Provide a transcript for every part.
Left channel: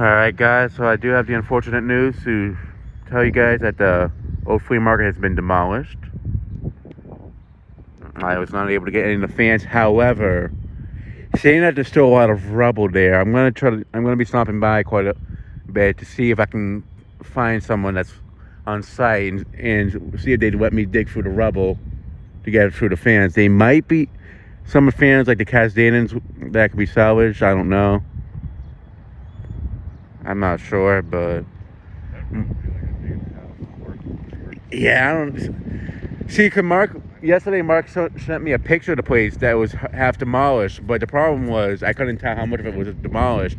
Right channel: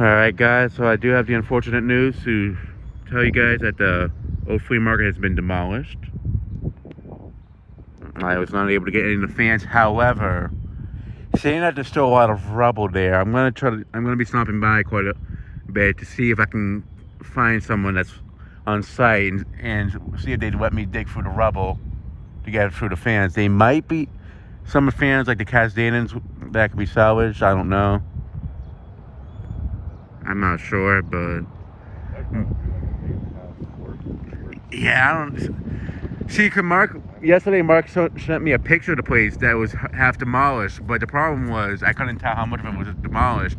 Alright guys, so I do have the unfortunate news to tell you guys that the old flea market has been demolished. I was not able to get any of the fans, however, seeing that there's still a lot of rubble there, I'm gonna be stopping by quite a bit to see if I can find someone that's on site and see if they'd let me dig through the rubble to get through the fans. They might be some fans like the Casdanans that could be salvaged, I don't know. I'm not sure, but yeah, I don't see. Mark yesterday, Mark sent me a picture of the place that was half demolished, but the problem was I couldn't tell how much of it was demolished.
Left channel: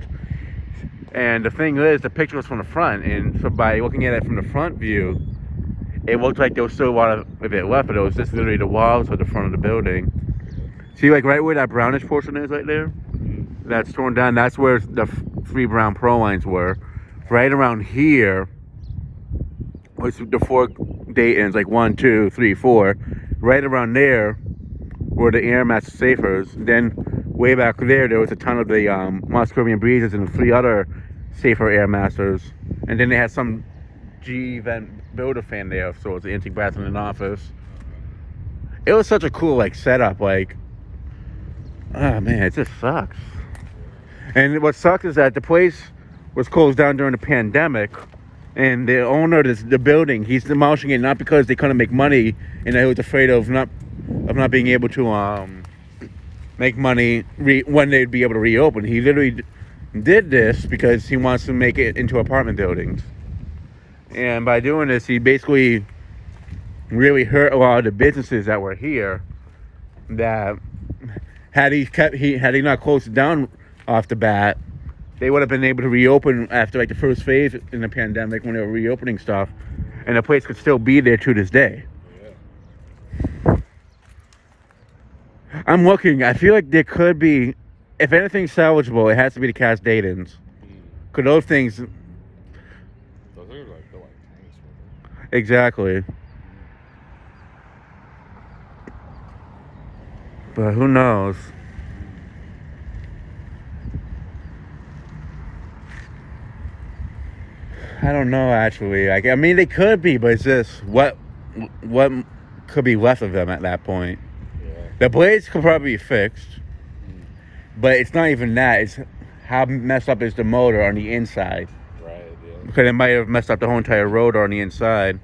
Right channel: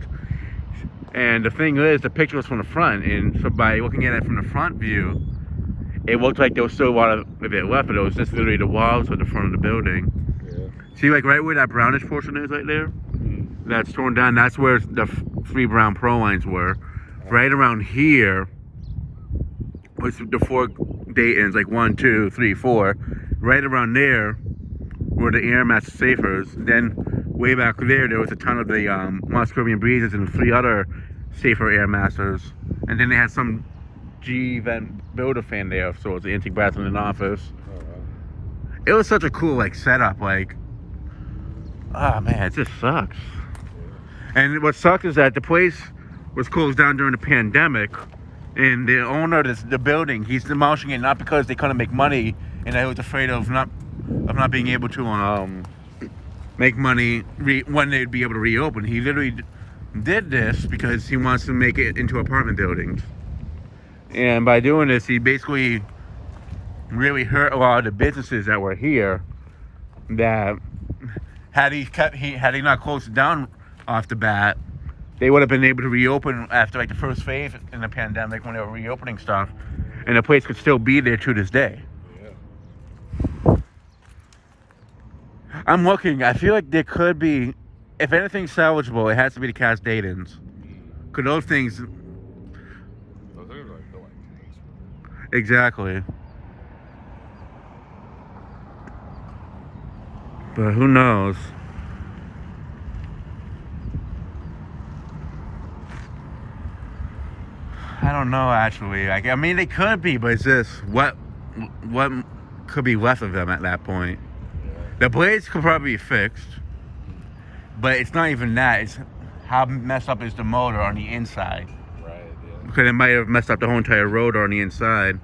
And the thing is, the picture was from the front, and so by looking at it from the front view, it looked like there was still a lot of it left, but it was just literally the walls of the front of the building. Yeah. See, like right where that brownish portion is, right there. That's torn down. That's where the 3 brown pro lines were. Right around here was the 4 Daytons, like 1, 2, 3, 4. Right around there were the Air Master Safers. Then way back there was a ton of the Moss Caribbean Breezes and 3 other Safer Air Masters. And then they had some G event builder fan there, so it was the antique brass in an office. It was such a cool like setup. Like, ah man, it just sucks. And what sucks is that the place was closed down during the pandemic, and the owner of the building, he's demolishing it not because they couldn't make money, and he was afraid of not being able to make money when they'd be able to reopen. He literally did this because he wants to make it into apartment buildings, and by doing this, he basically really hurt a lot of the businesses that were here. That had he not closed it down off the bat, they would have been able to reopen after like the first phase in the pandemic when they were reopening stuff, and the place could still be there to this day. Yeah. I'm looking. I feel like there could be, if anything's salvageable, it has to be the cast datings. Cause those things. Exactly. But who knows? I don't know actually. I mean, they could be, but it's just what could be left of them at that point. Yeah. The blades could probably be fixed, but it's not even that. It's how messed up is the motor on the inside. Right. Yeah. Because it might have messed up the whole entire rotor on the inside.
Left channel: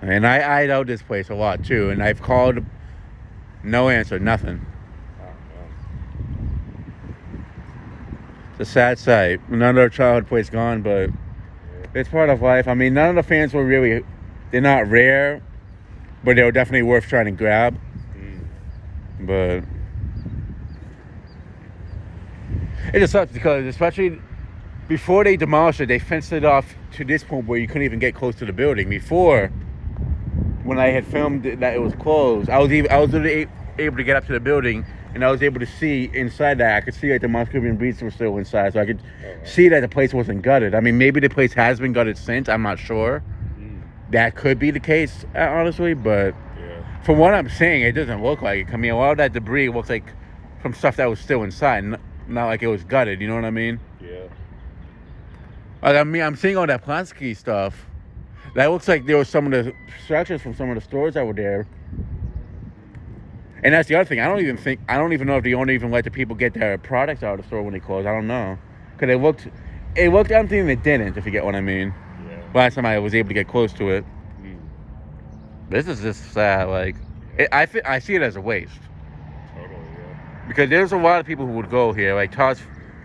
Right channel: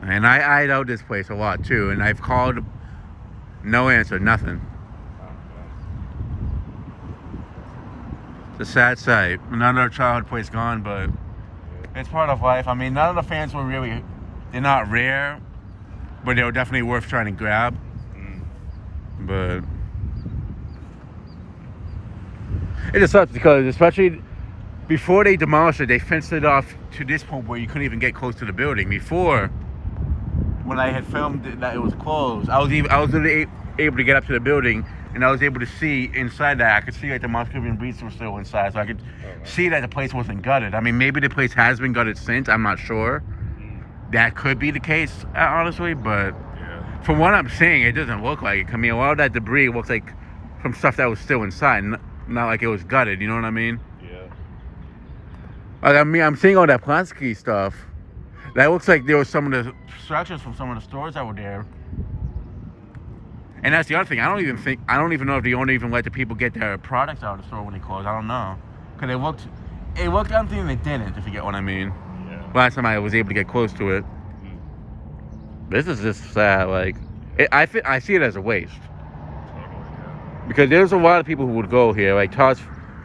And I eyed out this place a lot too, and I've called, no answer, nothing. It's a sad sight. Another childhood place gone, but it's part of life. I mean, none of the fans were really, they're not rare, but they were definitely worth trying to grab. But it just sucks because, especially before they demolished it, they fenced it off to this point where you couldn't even get close to the building. Before, when I had filmed that it was closed, I was literally able to get up to the building, and I was able to see inside that. I could see like the Moss Caribbean Breezes were still inside, so I could see that the place wasn't gutted. I mean, maybe the place has been gutted since, I'm not sure. That could be the case, honestly, but from what I'm seeing, it doesn't look like it. I mean, a lot of that debris looks like from stuff that was still inside, not like it was gutted, you know what I mean? Yeah. Like, I mean, I'm seeing all that plasticky stuff. That looks like there was some of the structures from some of the stores that were there. And that's the other thing. I don't even know if the owner even let the people get their products out of the store when they closed. I don't know. Because it looked empty and it didn't, if you get what I mean. Yeah. Last time I was able to get close to it. This is just sad. Like, I see it as a waste. Because there's a lot of people who would go here. Like Todd's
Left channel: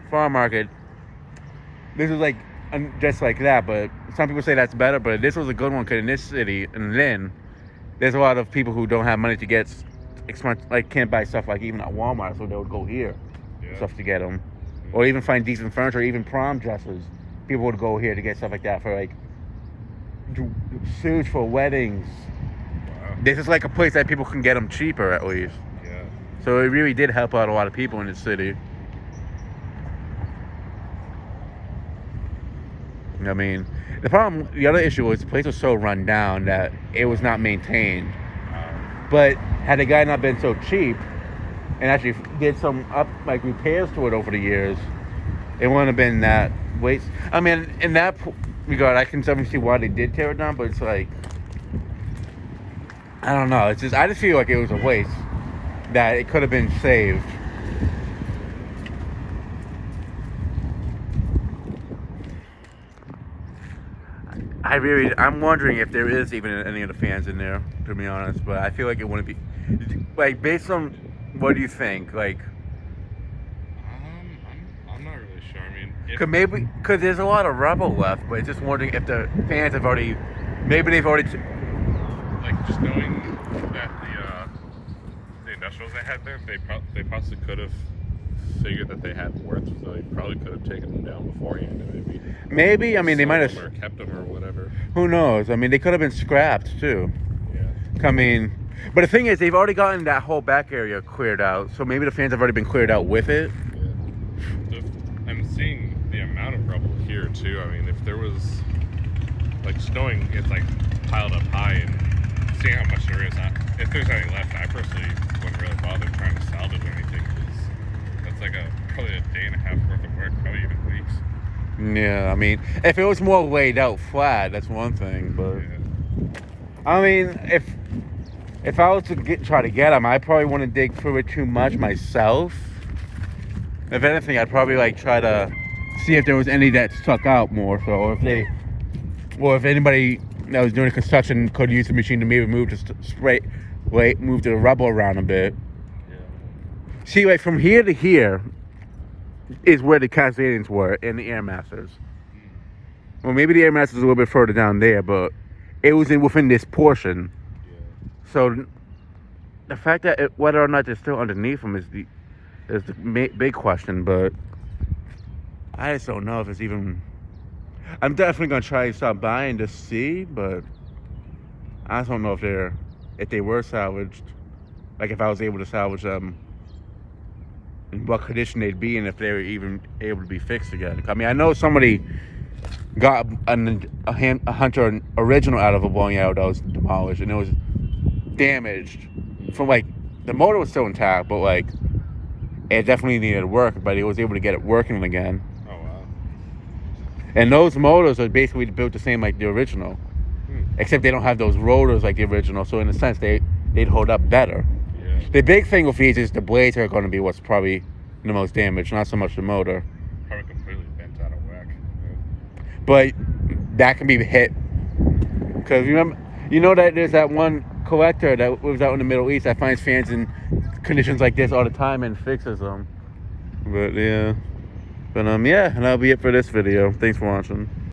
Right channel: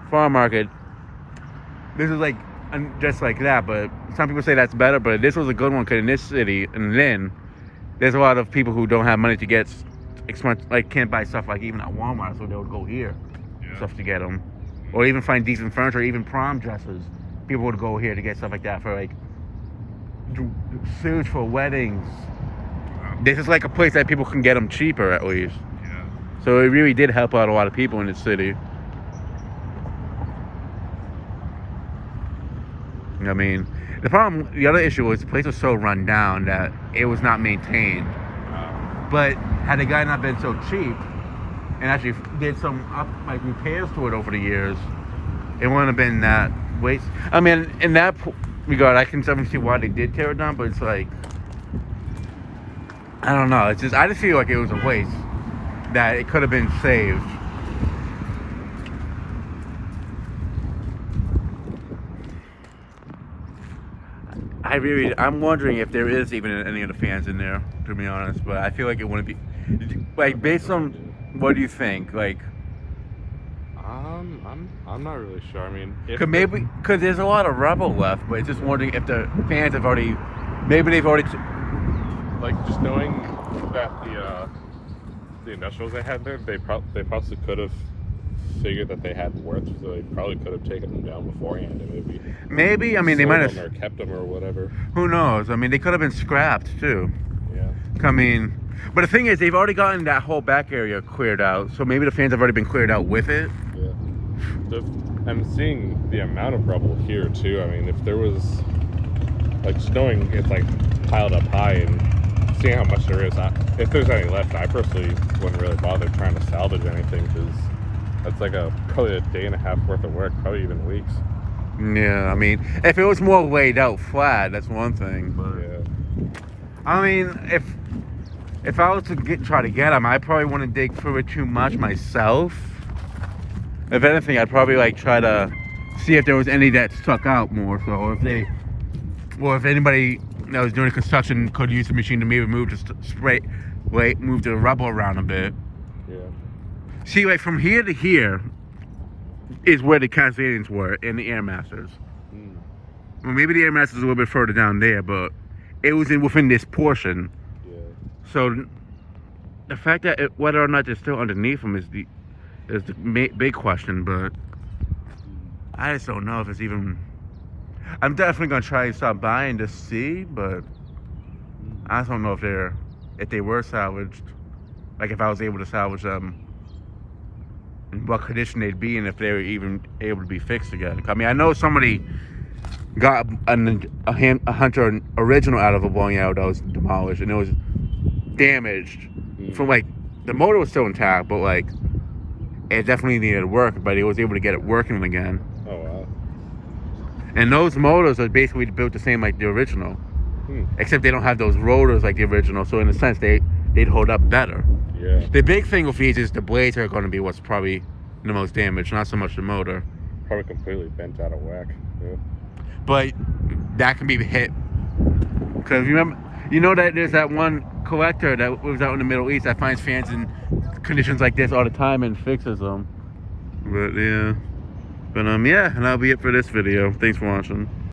Farm Market. This is like just like that, but some people say that's better, but this was a good one because in this city, and then there's a lot of people who don't have money to get expensive, like can't buy stuff like even at Walmart, so they would go here, stuff to get them, or even find decent furniture, even prom dresses. People would go here to get stuff like that for like suits for weddings. This is like a place that people can get them cheaper at least. Yeah. So it really did help out a lot of people in the city. I mean, the other issue was the place was so run down that it was not maintained. But had the guy not been so cheap, and actually did some repairs to it over the years, it wouldn't have been that waste. I mean, in that regard, I can definitely see why they did tear it down, but it's like, I don't know. It's just, I just feel like it was a waste, that it could have been saved. I'm wondering if there is even any of the fans in there, to be honest, but I feel like it wouldn't be. Like, based on, what do you think? Like, I'm not really sure. I mean, because there's a lot of rubble left, but it's just wondering if the fans have already, maybe they've already. Like, just knowing that the industrials they had there, they possibly could have figured that they had worth, so they probably could have taken them down beforehand and maybe. I mean, they might have or kept them or whatever. Who knows? I mean, they could have been scrapped too. Yeah. I mean, but the thing is, they've already gotten that whole back area cleared out, so maybe the fans have already been cleared out with it. Yeah. I'm seeing the amount of rubble here too. I mean, if there was, like, just knowing it's like piled up high and seeing how much there is, if there's any left, I personally wouldn't really bother trying to salvage anything, because that's like probably a day and a half worth of work, probably even weeks. Yeah, I mean, if it was more laid out flat, that's one thing, but yeah. I mean, if I was to try to get them, I probably wouldn't dig through it too much myself. If anything, I'd probably like try to see if there was any that stuck out more, so or if anybody that was doing construction could use the machine to maybe move move the rubble around a bit. Yeah. See, like, from here to here is where the Cascadians were and the Air Masters. Well, maybe the Air Masters is a little bit further down there, but it was within this portion. Yeah. So the fact that whether or not they're still underneath them is the big question, but I just don't know if it's even. I'm definitely gonna try to stop buying to see, but I just don't know if they were salvaged. Like, if I was able to salvage them, in what condition they'd be, and if they were even able to be fixed again. I mean, I know somebody got a Hunter original out of a bowling alley that was demolished, and it was damaged. From, like, the motor was still intact, but, like, it definitely needed work, but he was able to get it working again. Oh, wow. And those motors are basically built the same like the original, except they don't have those rotors like the original, so in a sense they'd hold up better. Yeah. The big thing with these is the blades are going to be what's probably the most damaged, not so much the motor. Probably completely bent out of whack. Yeah. But that can be hit, because you know that there's that one collector that lives out in the Middle East that finds fans in conditions like this all the time and fixes them. But yeah, and that'll be it for this video. Thanks for watching.